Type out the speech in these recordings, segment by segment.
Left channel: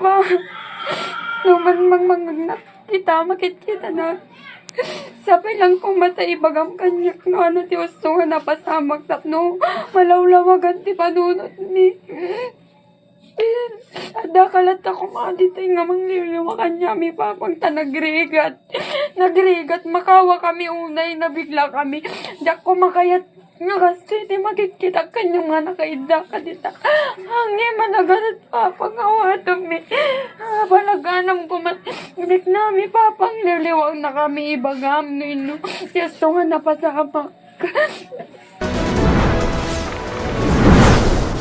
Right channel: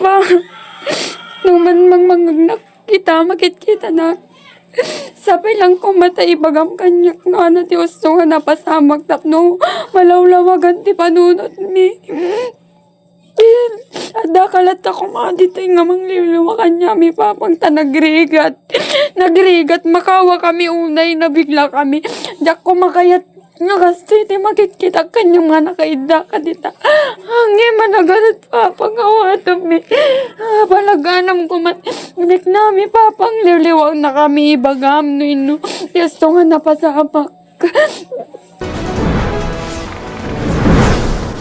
pa. Numan mangmangagnak kita, makit-kita na. Sabay lang ko mata ibagam kanyak no ano ti gusto nga napasamak tapno malawlawagan ti panunot mi. Ada kalat ako mga dito nga mangliliwa kanya mi papang ta nagrigat makawa kami unay na bigla kami jak ko makayat nagastoy ti makikita kanyang mga nakaida ka dita hangin managalat papang awatan mi balaganam ko dik nami papang liliwang na kami ibagam no ino yasto nga napasamak.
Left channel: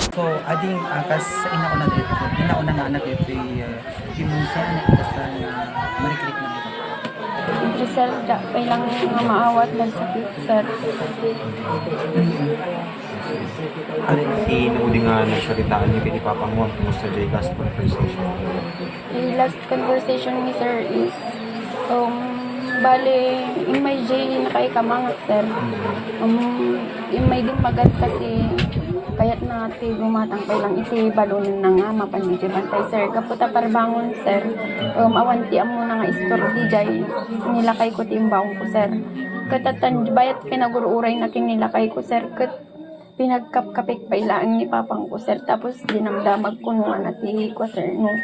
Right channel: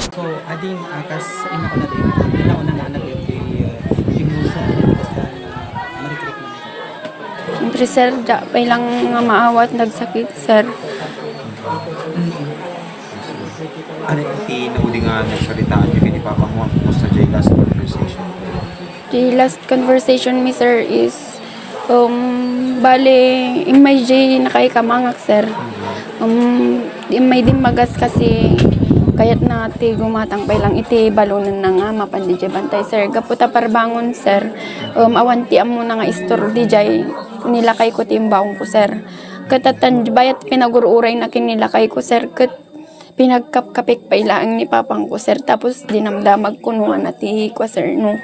So, ading akas sa ina ko na rin, inauna nga anak ito pimmusay na basta marikrik na ito. Siyempre sir, pay lang nga maawat nagsakit sir. Ano yung tinuudi nga nagsaritaan nyo kini Papangon sa last conversation? The last conversation mi sir is bale may J nakaikamangak sir. May din magas kasi kayat na ti gumatang pay lang iti balunan na nga mapandi bantay sir kaputa parbangon sir awanti amo na nga istor di jay nilakay ko timbawon ko sir katatan bayat pinagururay na kinilakay ko sir kat pinagkapkapik pa ilaang ni papang ko sir tapos dinamdamag kunuan na ti ko sir no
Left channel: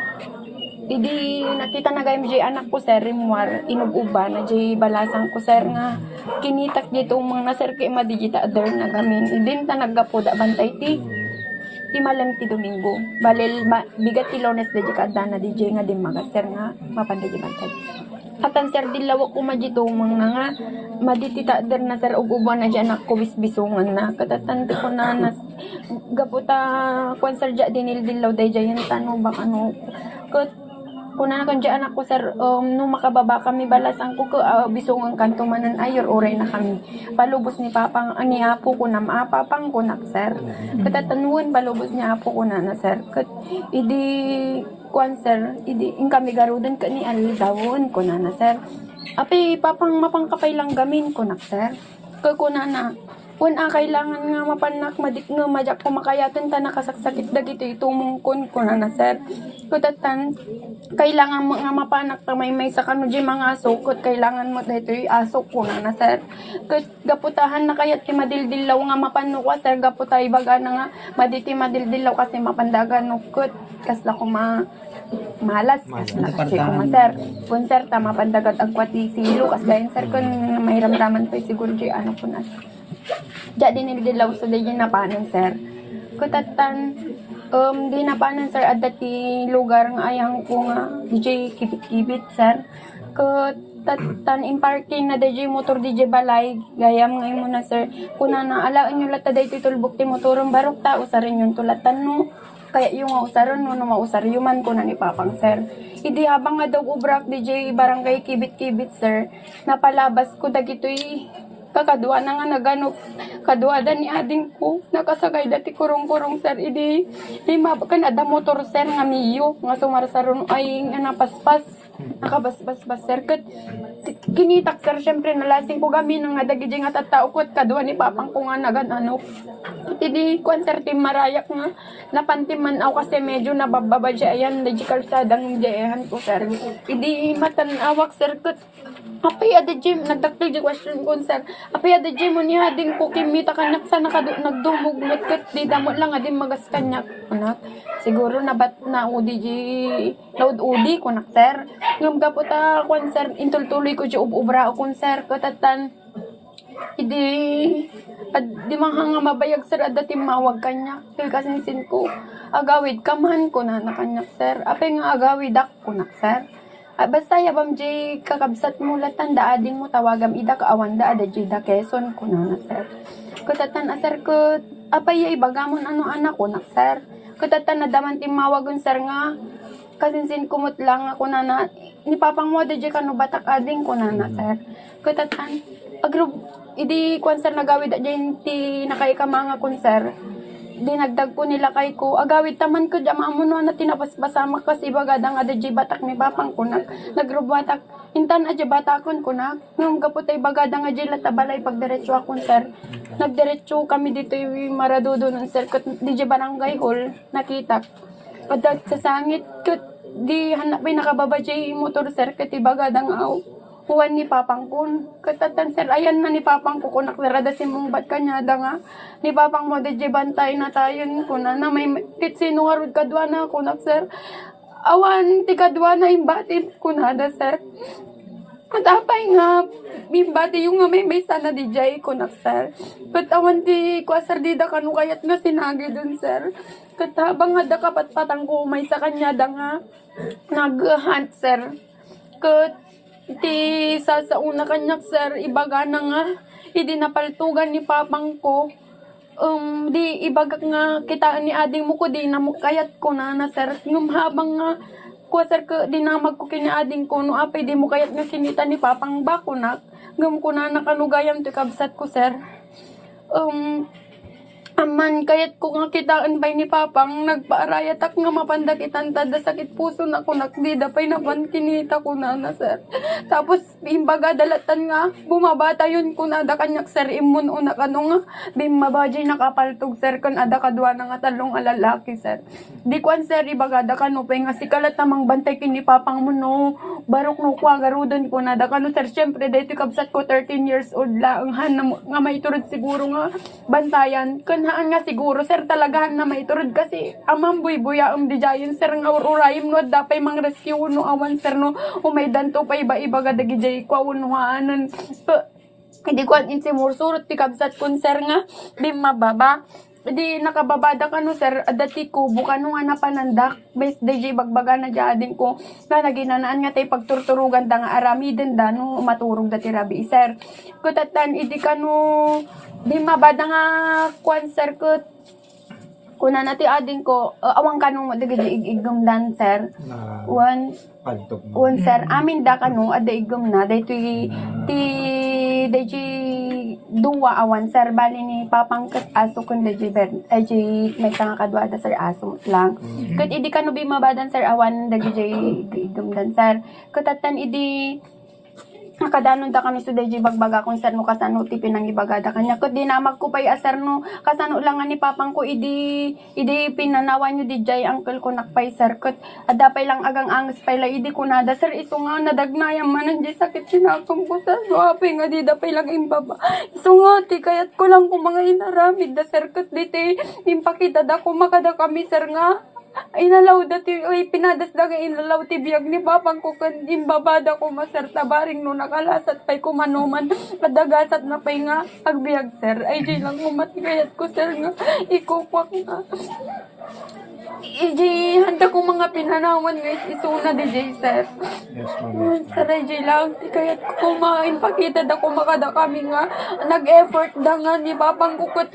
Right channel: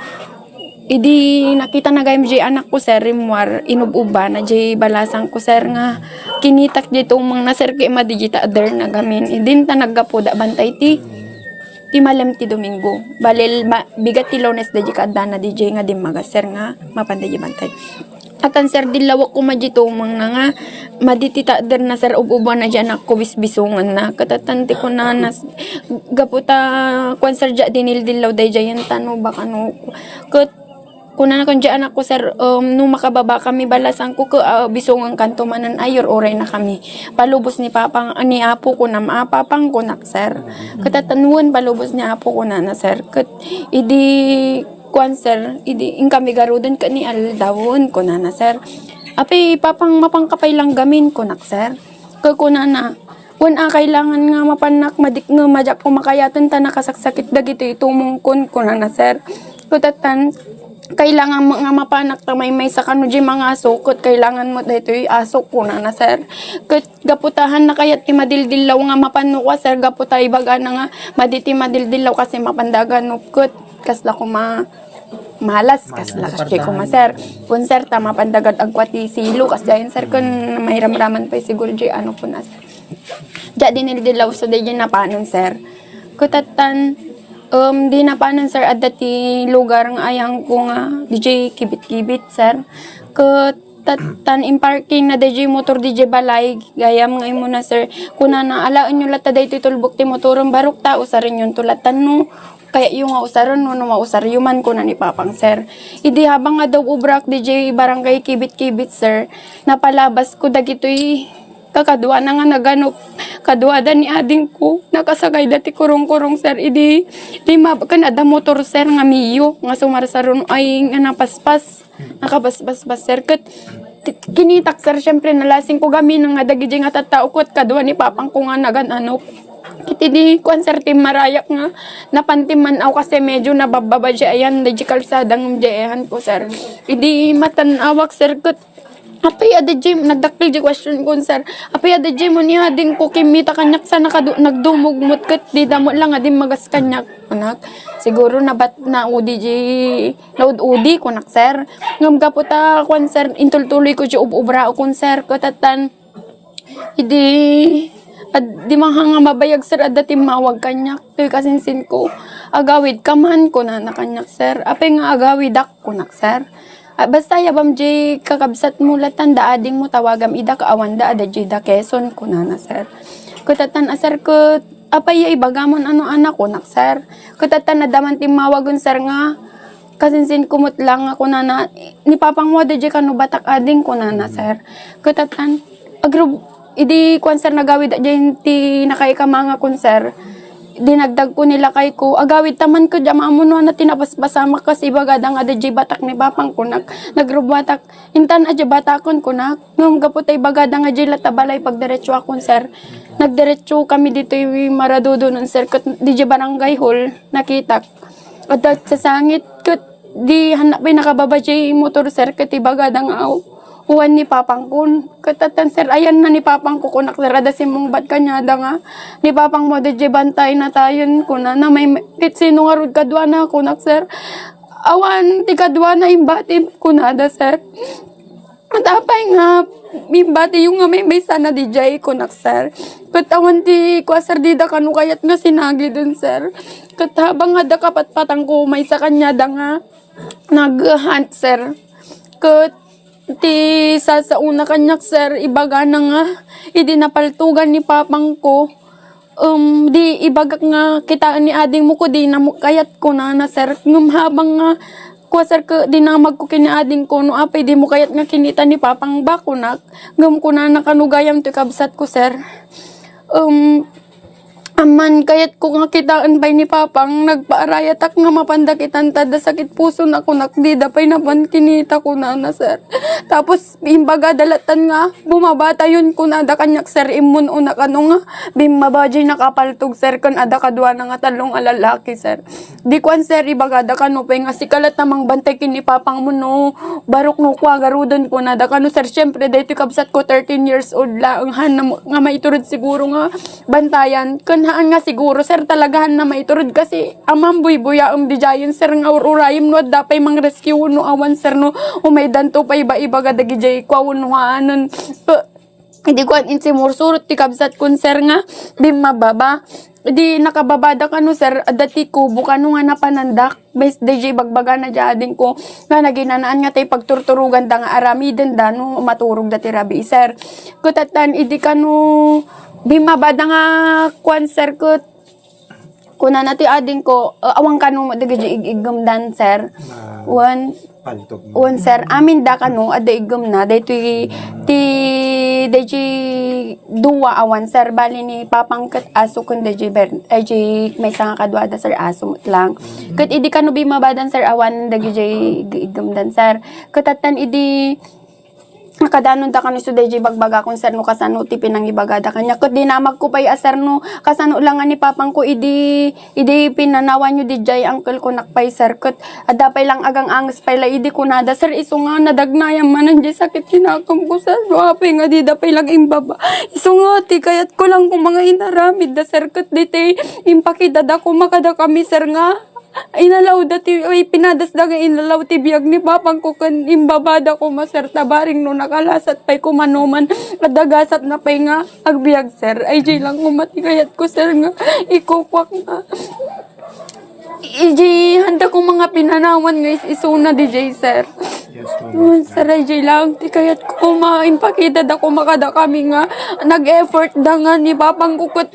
idi nakita na gayam jay anak ko sir rimwar inububa na jay balasang ko sir nga kinitak jay tumang na sir kay madigita adder na gamin idin ta naggapuda bantay ti malam ti Domingo balil bigat ti Lunes da jay kaaddada di jay nga dimaga sir nga mapanda jay bantay atan sir dilawak ko madji tumang nga maditita adder na sir ububa na jay anak ko bisbisungan na katatanti ko na nas gaputa kwan sir ja dinil dilaw day jay yan tano baka no kat kuna na kung dyan ako sir, nung makababa kami balasan ko bisong ang kanto manan ayor oray na kami. Palubos ni papang, ni apo ko na maapapang ko na sir. Katatanuan palubos ni apo ko na sir. Kat, idi, kuan sir, idi, in kami garudan ka ni aldawon ko na sir. Api, papang mapangkapay lang gamin ko na sir. Kakuna na, kailangan nga mapanak, madik nga majak ko makayatan ta nakasaksakit dagito itumungkon ko na sir. Kutatan, kailangan mo nga mapanak ta may sa kano di mga asukot kailangan mo dito asok ko na sir kat gaputahan na kayat ti madildilaw nga mapano ko sir gaputa ibaga na nga maditi madildilaw kasi mapandagan ukot kasla ko malas kasla kasi ko sir kun sir ta mapandagad ang kwati silo kas dayon sir kun may ramraman pa siguro di ano ko na sir ja dinildilaw so di na panon sir kutatan di na panan sir at dati lugar nga ayang ko nga DJ kibit-kibit sir tan in parking na DJ motor DJ balay gayam ngay mo na sir kuna na alaan nyo lata dayto tulbok ti motorong barok ta usarin yung tulatan no kaya yung usaron no mausar yuman ko na ni papang sir idi habang nga daw ubrak DJ barangay kibit-kibit sir napalabas ko dagitoy kakadwa na nga naganop kadwada ni ading ko nakasagay dati kurong-kurong sir idi lima kanada motor sir nga miyo nga sumarsaron ay nga napaspas nakabasbas sir kat kinitak sir syempre nalasing ko gamin nga dagiti nga tattao ko at kadwa ni papang ko nga nagananop kiti di kuan sir tim marayak nga napantiman aw kasi medyo nabababa siya ayan di kalsadang diyan ko sir idi matanawak sir kat apay ada gym nagdakpil di question ko sir apay ada gym mo niya din ko kimita kanyak sa nagdumugmot kat di damo lang adin magas kanyak anak siguro nabat na udi di load udi ko nak sir ngam gaputa kon sir intultuloy ko di ubra ko sir katatan hindi di manghanga mabayag sir adati mawag kanyak kay kasinsin ko agawid kaman ko na kanyak sir apay nga agawid ak ko nak sir basta yabam jay kakabsat mo latan da ading mo tawagam ida kaawan da ada jay da Quezon kunana sir kutatan asar ko apay ibagamon ano anak ko nak sir kutatan na daman timawagon sir nga kasinsin kumot lang ako na ni papang mo da jay kanu batak ading kunana sir kutatan agro idi kwan sir nagawid da jay ti nakaikamanga kun sir dinagdag ko nila kay ko agawid taman ko dama mo no na tinabasbasama kasi bagadang ada jay batak ni bapang kunak nagrubatak intan adya batakon kunak ngam gaputay bagadang adya latabalay pagdiretso akon sir nagdiretso kami dito yung Maradodon sir kat di barangay hall nakita at sa sangit kat di hanap may nakababa jay motor sir ket ibaga dang aw. Uwan ni papang kun. Katatan sir, ayan na ni papang ko kunak sir. Adasin mong bat kanyada nga. Ni papang mo de bantay na tayon kuna na may kit sino nga rod kadwa na kunak sir. Awan ti kadwa na imbati kunada sir. Matapay nga imbati yung nga may maysa na DJ kunak sir. Kat awan ti kwa sir dida kanu kayat nga sinagi dun sir. Kat habang nga da kapatpatang ko may sa kanyada nga nag-hunt sir. Kat ti sa una kanyak sir ibaga na nga idi napaltogan ni papang ko di ibagak nga kita ni ading mo ko di na kayat ko na sir ngum habang nga ko sir ka dinamag ko kini ading ko no apay di mo kayat nga kinita ni papang bakunak ngum ko na nakanugayam ti kabsat ko sir aman kayat ko nga kitaan bay ni papang nagpaarayatak nga mapandakitan tada sakit puso na kunak di dapay naman kinita ko na sir. Tapos imbaga dalatan nga bumabata yun ko na ada kanyak sir imun una kano nga bimabajay nakapaltog sir kan ada kadwa na nga talong alalaki sir. Di kwan sir ibaga da kano pa nga sikalat namang bantay kini papang mo no barok no kwa garudon ko na da kano sir syempre dahito kabsat ko 13 years old lang han nga maiturod siguro nga bantayan kan haan nga siguro sir talagahan na maiturod kasi amang buya di jayon sir nga ururayim no dapay mang rescue no awan sir no umaidan to pa iba-iba ga dagi jay kwa no haanon hindi ko in simursurot ti kabsat kun sir nga bimababa di nakababada ka no sir dati ko buka no nga napanandak base DJ bagbaga na jading ko nga naginanaan nga tay pagturturugan da nga aramiden da no maturog dati rabi sir kutatan idi ka no bimabada nga kwan sir kuna nati ading ko awang kanu dagay igum dan sir one sir amin da kanu ada igum na daytoy ti deji duwa awan sir bali ni papang kat aso kun deji may sanga kadwa da sir aso lang kat idi kanu bimabadan sir awan dagay igum dan sir katatan idi nakadanon da kani suday bagbaga kung sir no kasano ti pinang ibagada kanya kud dinamag ko pay asar no kasano lang ni papang ko idi pinanawan nyo di jay uncle ko nakpay sir kud ada pay lang agang angas pay la idi kunada sir iso nga nadagnayam manan di sakit sinakam ko sir no apay nga di da pay lang imbaba iso nga ti kayat ko lang kung mga inaramid da sir kud diti impakidada ko makada kami sir nga inalaw dati pinadas da nga inalaw ti biyag ni papang ko kan imbabada ko maser tabaring no nakalasat pay kumanuman adagasat na pay nga agbiag sir ay jay lang umati kayat ko sir nga ikukwak nga handa kong mga pinanawan guys isuna DJ sir. Yes, ma'am. Sir DJ lang ti kayat ko kumain pakita da ko makada kami nga nag-effort da nga ni papang kukot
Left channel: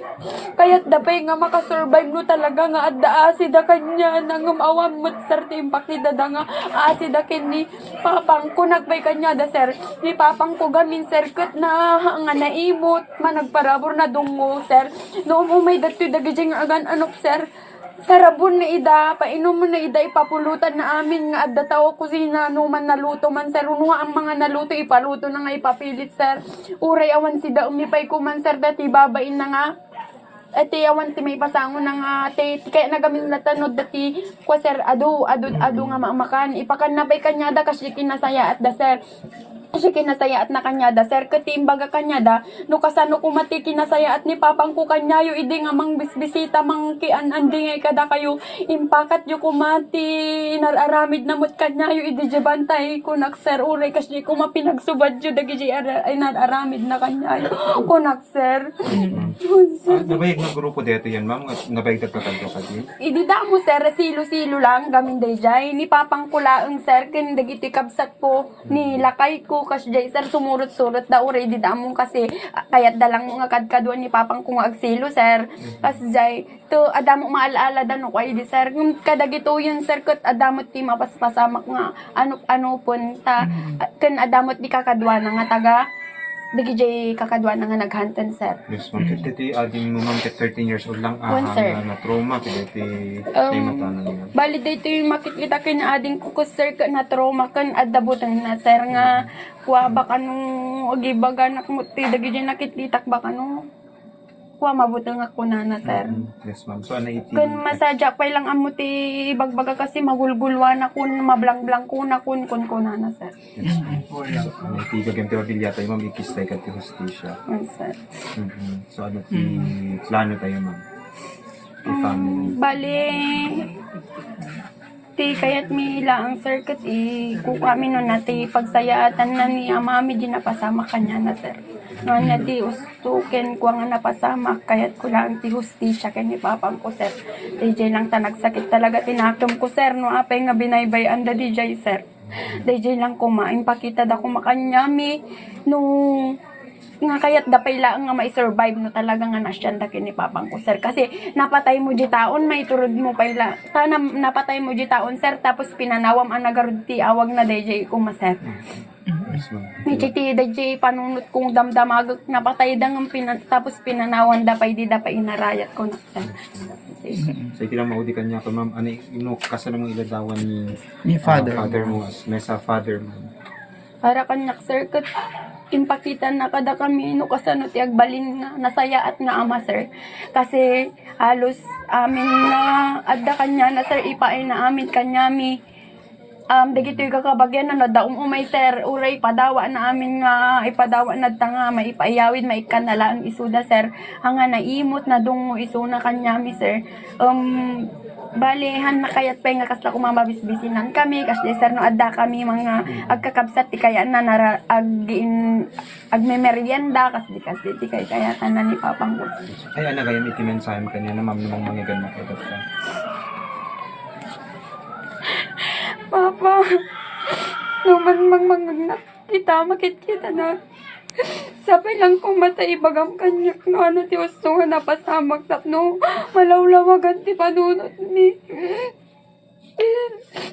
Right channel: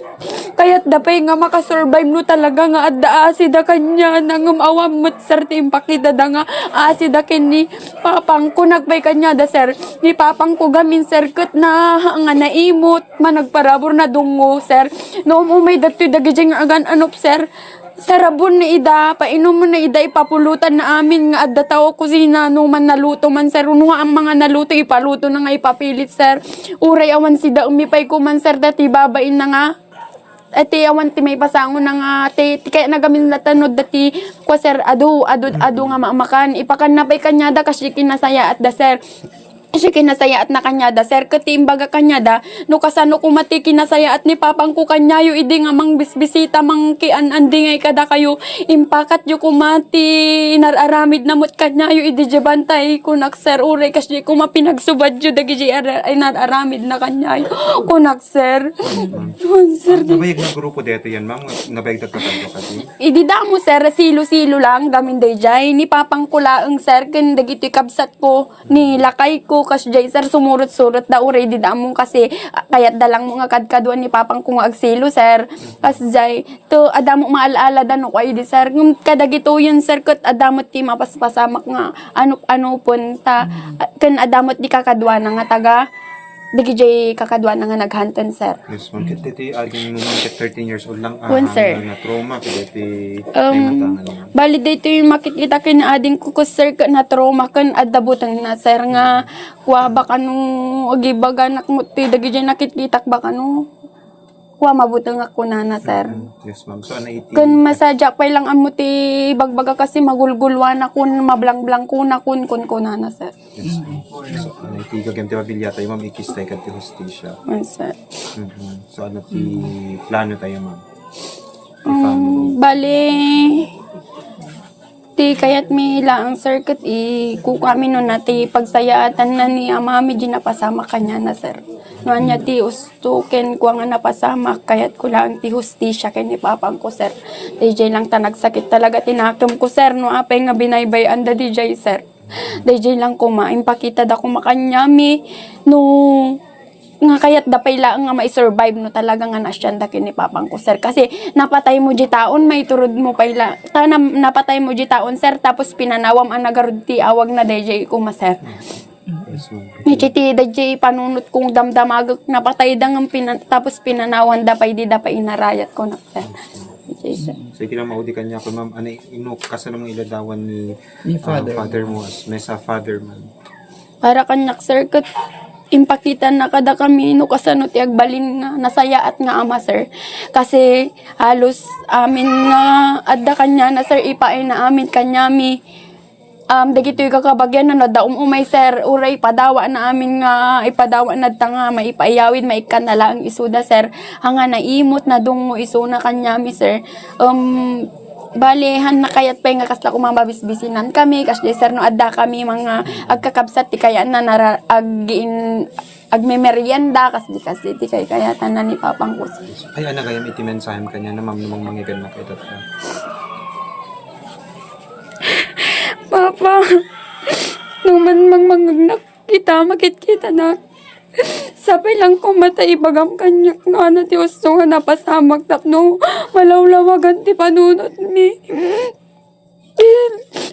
kayat da pay nga makasurvive no talaga nga adda asida kanya nang awamot sir ti pakita da nga asida ken ni papang ko nagpay kanya da sir ni papang ko gamin sir ket na nga naimot managparabor na dungo sir no umay datoy dagiti nga agan anop sir sarabon na ida, painom mo na ida, ipapulutan na amin nga adda tao kusina no man naluto man sir, unuha ang mga naluto ipaluto na nga ipapilit sir, uray awan sida umipay ko man sir, dati babain na nga, ati awan ti may pasango na nga, ti kaya nagamin latanod dati, kwa sir, ado nga maamakan, ipakan na pay kanyada kasi kinasaya at da sir, siya kinasaya at na kanyada sir katimbaga kanyada no kasano kumati kinasaya at ni papang ko kanyayo idi nga mang bisbisita mang kian andi ngay kada kayo impakat yu kumati inararamid namot kanyayo idi jabantay kunak sir uray kasi kumapinagsubad yu dagi inararamid na kanyayo kunak sir sir nabayag na grupo dito yan mang nabayag tatlo kasi idi damo sir silo lang gamin dayjay ni papang kulaang sir ken dagiti kabsat ko ni lakay ko kas jay sir sumurot-surot da uray di damong kasi kayat dalang mga kadkaduan ni papang kung agsilo sir kas jay to adamo maalaala da no kay di sir kadagito yun sir ket adamot ti mapaspasamak nga ano punta ken adamot di kakadwa nga taga digi jay kakadwa nga naghanton sir. Yes, ma'am. Kiti ading mo 13 years old lang sir. Na trauma kiti matangan. Bali dito yung makikita kin ading ko sir na trauma kan adabutan na sir nga kuha baka nung agibaga nak mo ti dagi jay nakikita baka no kuha mabutang ako na sir. Yes, ma'am. So, ano iti? Kun masadya pa lang amo ti bagbaga kasi magulgulwan ako, mablang-blang ko na kun na sir. Yes, ma'am. So, ano iti gagam ti pamilya tayo, ma'am, ikistay ka ti hustisya. Yes, sir. So, ano ti plano tayo, ma'am? Ti family. Bale, ti kayat mi lang circuit kami no na ti pagsayaatan na ni amami di napasama kanya na sir. No anya ti ustuken ko nga napasama kayat ko lang ti hustisya kay ni papang ko sir. DJ lang ta nagsakit talaga tinakom ko sir no apay nga binaybayan da DJ sir. DJ lang ko maimpakita da ko makanyami no nga kayat dapay lang nga mai-survive no talaga nga nasyan da kini papang ko sir kasi napatay mo di taon may turod mo payla napatay mo di taon sir tapos pinanawam ang nagarud ti awag na DJ ko ma sir. Yes, ma'am. May chiti DJ panunot kong damdamagak napatay da nga tapos pinanawan dapay di dapay inarayat ko na sir. So, iti lang maudi kanya ko, ma'am, ano inuk kasano mong iladawan Ni father. father mo as mesa father, ma'am. Para kanyak sir kat impakita na kada kami no kasano ti agbalin nga nasaya at nga ama sir kasi halos amin nga adda kanya na sir ipaay na amin kanyami dagito yung kakabagyan na nadaum umay sir uray padawa na amin nga ipadawa na tanga maipayawid maikanala ang isuda sir hanga naimot na dungo isuna kanyami sir balihan na kayat pa nga kasla kumambabisbisinan kami kasi sir no adda kami mga agkakabsat ti kaya na agmemerienda kasi ti kaya tanan ni papang ko Ay, ano kaya iti mensahe kanya na ma'am namang mangigan makita ka? Papa numan magmangagnak kita makit-kita na sabay lang ko matay bagam kanyak nga na ti usto nga napasamak tapno malawlawagan ti panunot mi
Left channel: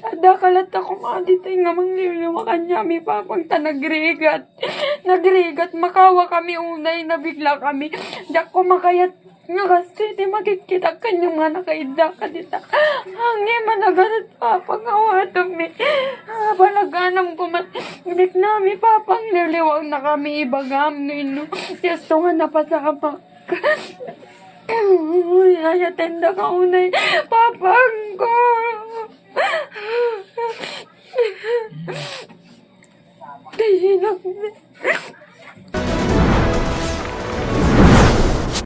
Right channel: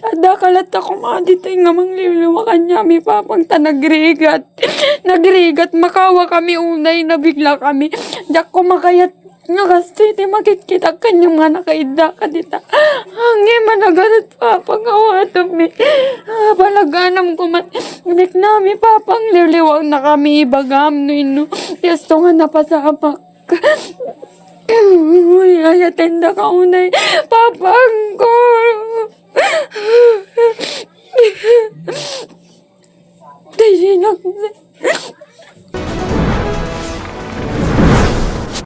ada kalat ako mga dito nga mangliliwa kanya mi papang ta nagrigat makawa kami unay na bigla kami dak ko makayat nga kasi ti makikita kanyang mga nakaida ka dita hangin managalat papang awatam mi palaganam ko man inik nami papang liliwag na kami ibagam no ino yasto nga napasamak uy ayatenda ka unay papang ko